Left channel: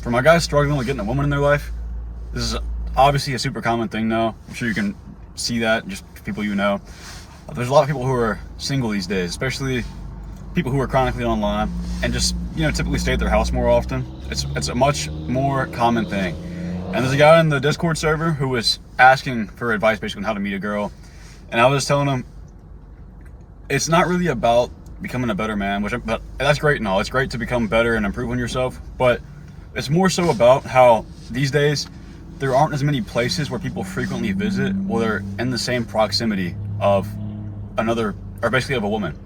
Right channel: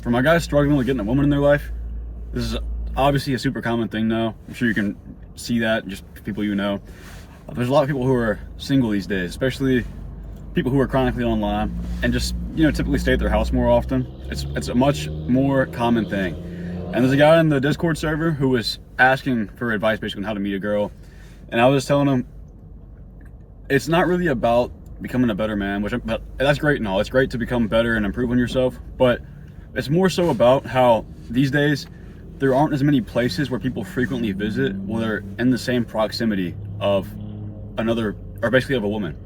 for my guys struggling with getting a woman in their life, this is obviously a super common thing now. I'm sure you can see that, just people you know. There's a lot of people who are single these days, especially people who are chronically online and just, typically stay at their house more often. It's a much more common thing. And there's a guy in the Discord server who was asking for advice basically on how to meet a girl. And I was just telling him, it's not really about becoming a better man, but that's great and all. It's great to become better and improve on yourself, but it's more so about how these days there aren't as many places where people frequently visit where they're in the same proximity of another, or basically of a woman.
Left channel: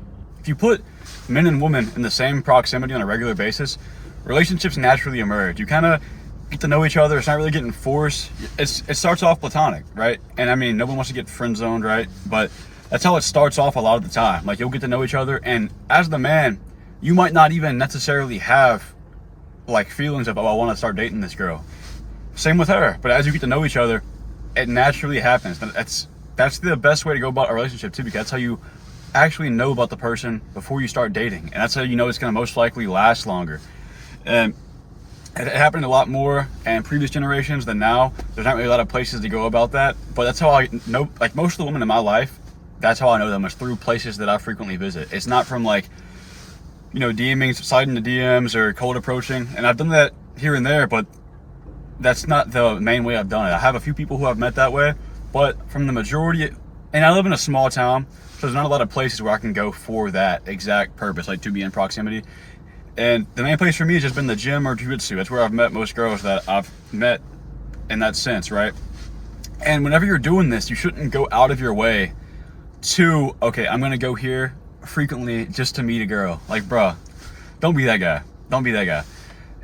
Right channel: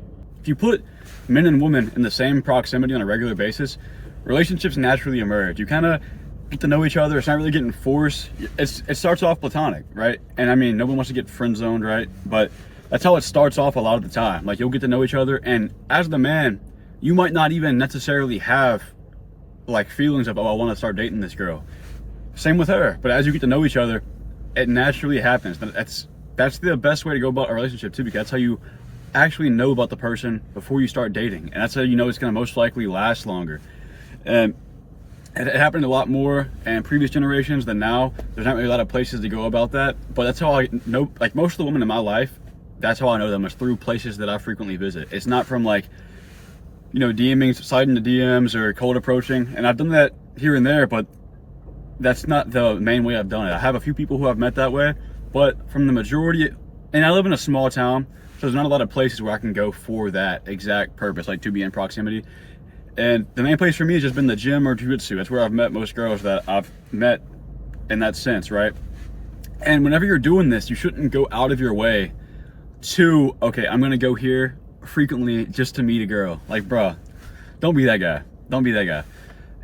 If you put men and women in the same proximity on a regular basis, relationships naturally emerge. You kind of get to know each other. It's not really getting forced. It starts off platonic, right? And I mean, no one wants to get friend zoned, right? But that's how it starts off a lot of the time. Like, you'll get to know each other, and as the man, you might not even necessarily have like feelings of, oh, I want to start dating this girl. Same with her. But as you get to know each other, it naturally happens. That's the best way to go about a relationship too, because that's how you actually know about the person before you start dating, and that's how you know it's going to most likely last longer. And it happened a lot more in previous generations than now. There's not really a lot of places to go about that, but that's how I know, like, most of the women in my life, that's how I know them, is through places that I frequently visit. It's not from like, DMing, sliding the DMs or cold approaching. And I've done that here and there, but that's not the main way I've done it. I have a few people who I've met that way, but from the majority, and I live in a small town, so there's not a lot of places where I can go for that exact purpose, like to be in proximity. And the main place for me has just been the gym or jiu-jitsu. That's where I've met most girls that I've met in that sense, right? And whenever you're doing this, you shouldn't go out of your way to, okay, I'm gonna go here frequently just to meet a girl. Like, bruh, don't be that guy. Don't be that guy.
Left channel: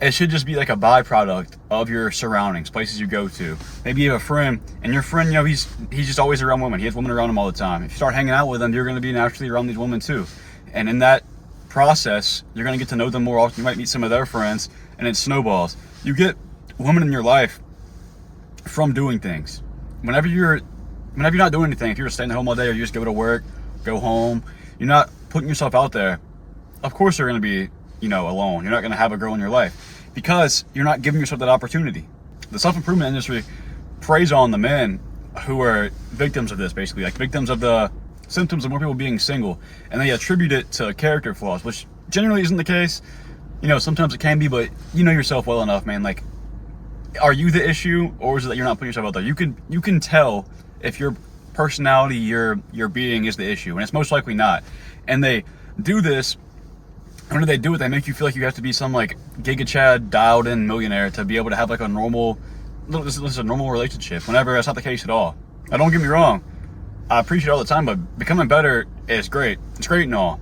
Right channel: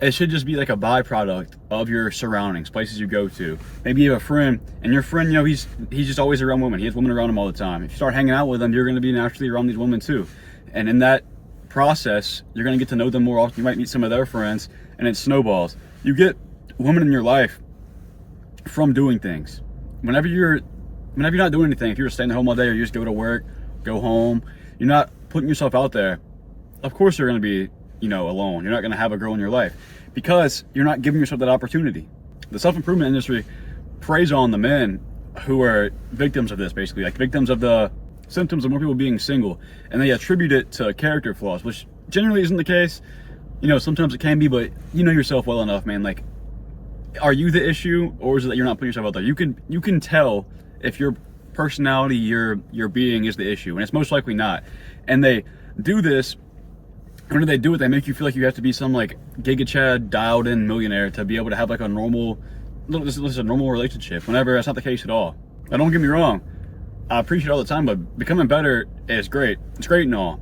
It should just be like a byproduct of your surroundings, places you go to. Maybe you have a friend, and your friend, he's just always around women. He has women around him all the time. If you start hanging out with them, you're gonna be naturally around these women too. And in that process, you're gonna get to know them more often. You might meet some of their friends, and it snowballs. You get women in your life from doing things. Whenever you're not doing anything, if you're staying at home all day, or you just go to work, go home, you're not putting yourself out there, of course you're gonna be, alone. You're not gonna have a girl in your life because you're not giving yourself that opportunity. The self-improvement industry preys on the men who are victims of this, basically, like victims of the symptoms of more people being single, and they attribute it to character flaws, which generally isn't the case. Sometimes it can be, but you know yourself well enough, man. Like, are you the issue, or is it that you're not putting yourself out there? You can tell if your personality, your being is the issue, and it's most likely not. And they do this. When they do it, they make you feel like you have to be some like Giga Chad dialed in millionaire to be able to have like a normal relationship, whenever that's not the case at all. Now, don't get me wrong, I appreciate it all the time, but becoming better is great. It's great and all.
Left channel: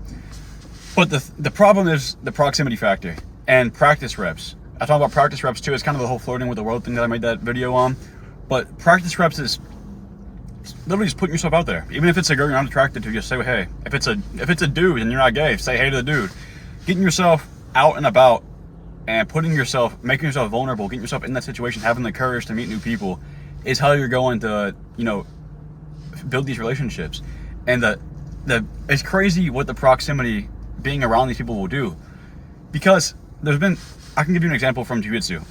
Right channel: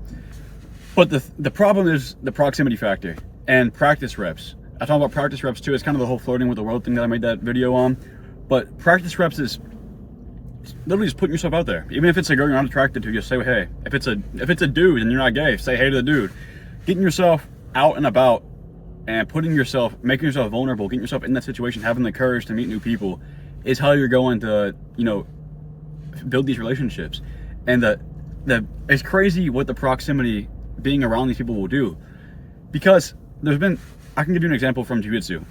But the problem is the proximity factor and practice reps. I talk about practice reps too. It's kind of the whole flirting with the world thing that I made that video on. But practice reps is literally just putting yourself out there. Even if it's a girl you're not attracted to, just say, hey. If it's a dude and you're not gay, say hey to the dude. Getting yourself out and about and making yourself vulnerable, getting yourself in that situation, having the courage to meet new people is how you're going to, build these relationships. And it's crazy what the proximity, being around these people, will do. Because I can give you an example from jiu-jitsu.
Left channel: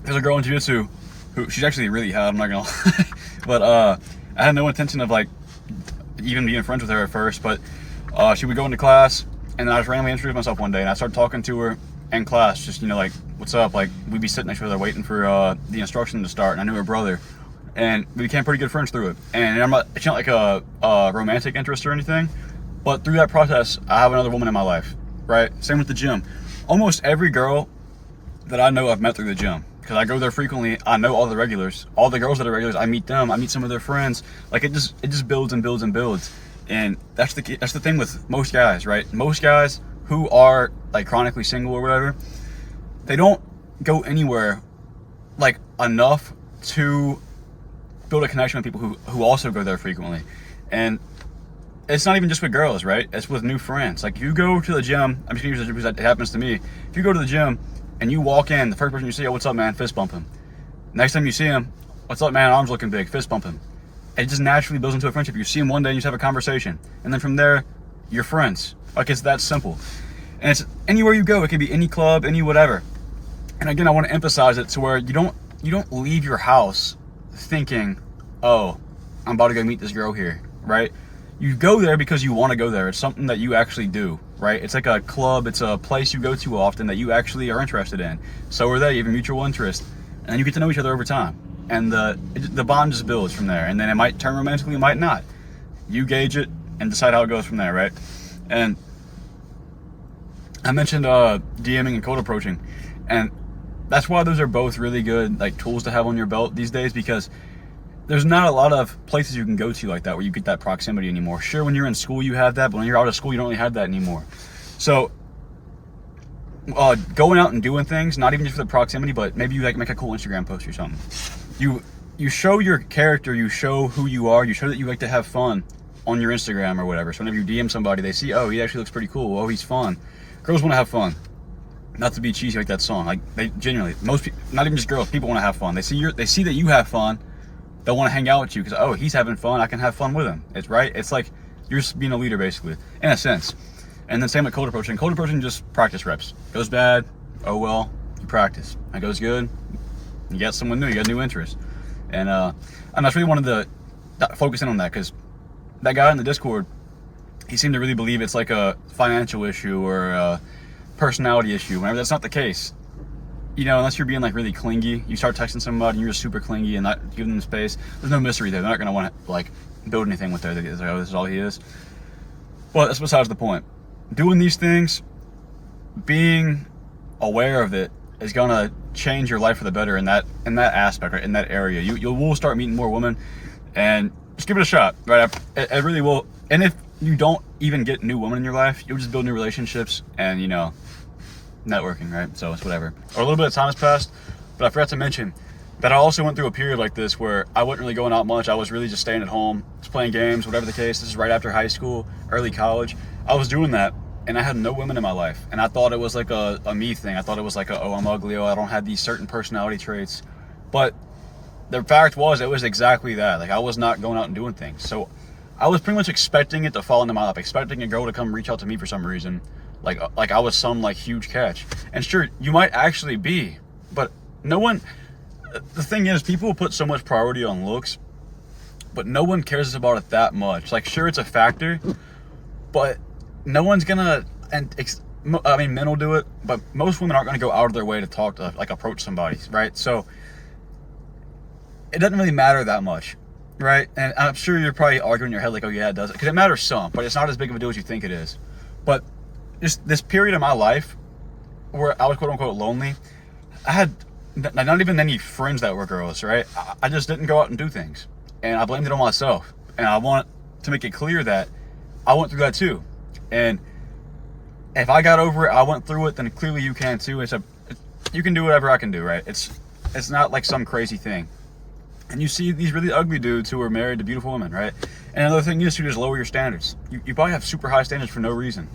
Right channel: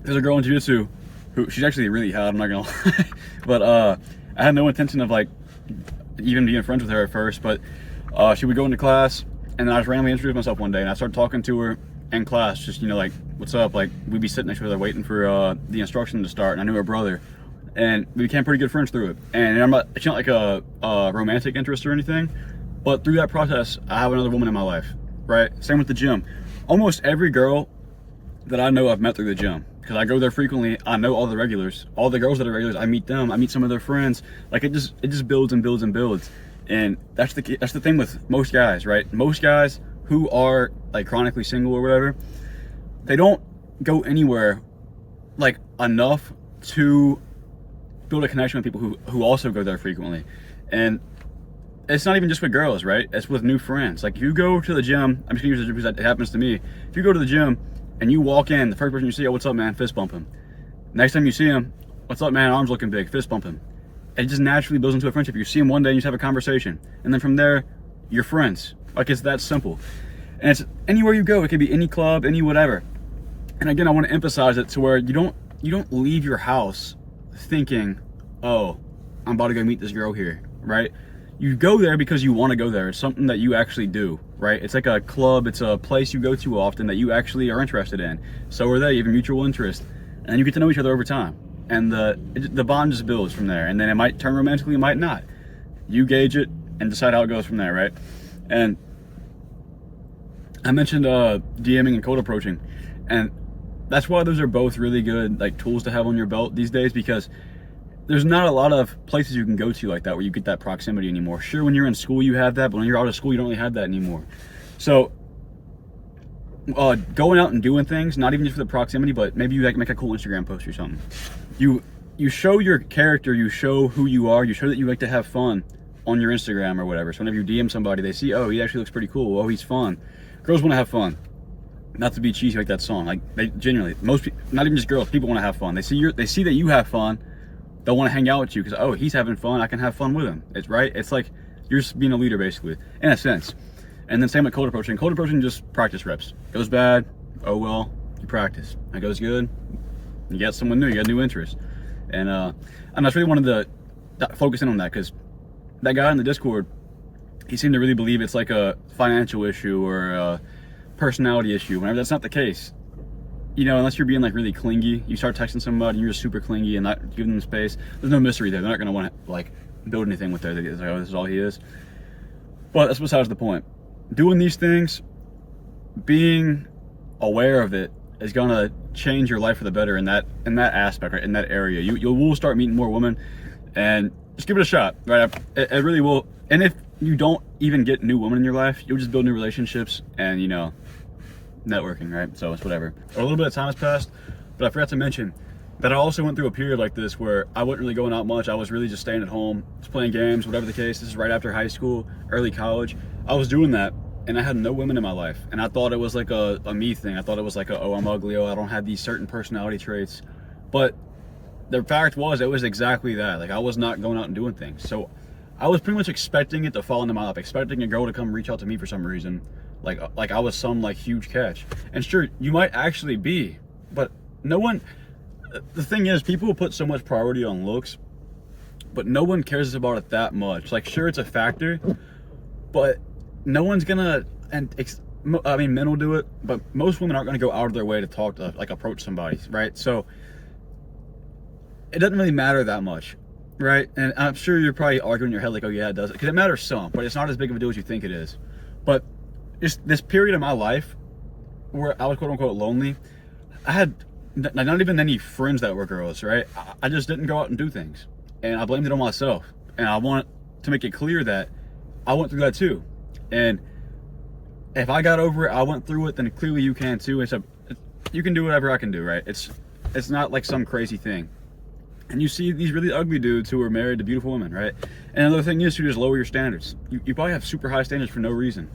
There's a girl in jiu-jitsu who, she's actually really hot, I'm not gonna lie. But I had no intention of like even being friends with her at first, but she would go into class, and then I just randomly introduced myself one day, and I started talking to her in class, just, like, what's up? Like, we'd be sitting next to each other waiting for the instruction to start, and I knew her brother, and we became pretty good friends through it. And it's not like a romantic interest or anything, but through that process, I have another woman in my life, right? Same with the gym. Almost every girl that I know I've met through the gym, because I go there frequently. I know all the regulars, all the girls that are regulars. I meet them. I meet some of their friends. Like, it just builds and builds and builds. And that's the thing with most guys, right? Most guys who are like chronically single or whatever, they don't go anywhere like enough to build a connection with people who also go there frequently. And it's not even just with girls, right? It's with new friends. Like, if you go to the gym, I'm just gonna use this because it happens to me. If you go to the gym and you walk in, the first person you see, oh, what's up, man? Fist bump him. Next time you see him, what's up, man? Arms looking big. Fist bump him. It just naturally builds into a friendship. You see him one day and you just have a conversation, and then from there, you're friends. Like, it's that simple. And it's anywhere you go. It could be any club, any whatever. And again, I want to emphasize it to where you don't leave your house thinking, oh, I'm about to go meet this girl here, right? You go there because you want to go there. It's something that you actually do, right? It's like a club. It's a place you go to often that you actually are interested in. So are they. You have a mutual interest, and then you get to know each other over time, and the bond just builds from there. And then it might turn romantically, it might not. You gauge it and decide how it goes from there, right? And I mentioned DMing and cold approaching, and that's why those are both really good like tools to have on your belt these days, because there's not a lot of places you can go to like that where you get that proximity anymore. Sure, when you're in school you have that, but when you're out of school you don't really have that anymore. So going out and doing things, not even just for the proximity, but maybe you like make a cool Instagram post or something. You show your character, you show who you are, you show that you like to have fun on your Instagram or whatever. So whenever you DM somebody, they see, oh, he actually looks pretty cool, oh, he's fun. Girls want to have fun. Not to be cheesy like that song, like they genuinely, most people, not even just girls, people want to have fun. They see that you have fun, they'll want to hang out with you because, oh, he's having fun, I can have fun with him. It's right. It's like you're just being a leader basically, in a sense. And then same with cold approaching. Cold approaching, just practice reps. Goes bad, oh well, you practice. It goes good, you got someone new, you got new interest. And I just really wanted to focus in on that, because that guy in the Discord, he seemed to really believe it's like a financial issue or a personality issue, whenever that's not the case. You know, unless you're being like really clingy, you start texting somebody and you're just super clingy and not giving them space, there's no mystery there. They're not going to want to like build anything with there. They're like, oh, this is all he is. But that's besides the point. Doing these things, being aware of it, is going to change your life for the better in that aspect, right? In that area. You will start meeting more women, and just give it a shot, right? It really will. And if you don't even get new women in your life, you'll just build new relationships and, you know, networking, right? So it's whatever. A little bit of time has passed, but I forgot to mention that I also went through a period like this where I wasn't really going out much. I was really just staying at home, just playing games, whatever the case. This is right after high school, early college. I was doing that, and I had no women in my life. And I thought it was like a me thing. I thought it was like oh, I'm ugly, oh, I don't have these certain personality traits. But the fact was, it was exactly that. Like, I was not going out and doing things. So I was pretty much expecting it to fall into my lap, expecting a girl to come reach out to me for some reason. Like I was some like huge catch. And sure, you might actually be, but no one, the thing is, people will put so much priority on looks, but no one cares about it that much. Like, sure, it's a factor, but no one's gonna, I mean, men will do it, but most women aren't gonna go out of their way to talk to, like, approach somebody, right? So it doesn't really matter that much, right? And I'm sure you're probably arguing in your head like, oh yeah, it does, because it matters some, but it's not as big of a deal as you think it is. But just this period of my life where I was quote unquote lonely, I had not even any friends that were girls, right? I just didn't go out and do things, and I blamed it on myself. And I want to make it clear that I went through that too. And if I got over it, I went through it, then clearly you can too. You can do whatever I can do, right? It's not like some crazy thing. And you see these really ugly dudes who are married to beautiful women, right? And another thing is to just lower your standards. You probably have super high standards for no reason,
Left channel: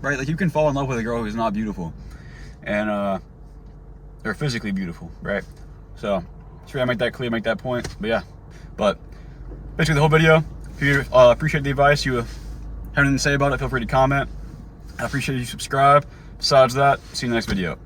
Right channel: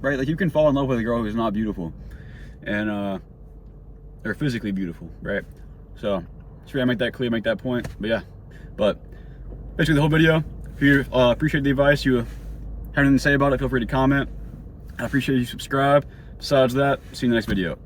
right? Like, you can fall in love with a girl who's not beautiful, and they're physically beautiful, right? So just try to make that clear, make that point. But yeah, but basically the whole video, if you appreciate the advice, you have anything to say about it, feel free to comment. I appreciate you subscribe. Besides that, see you in the next video.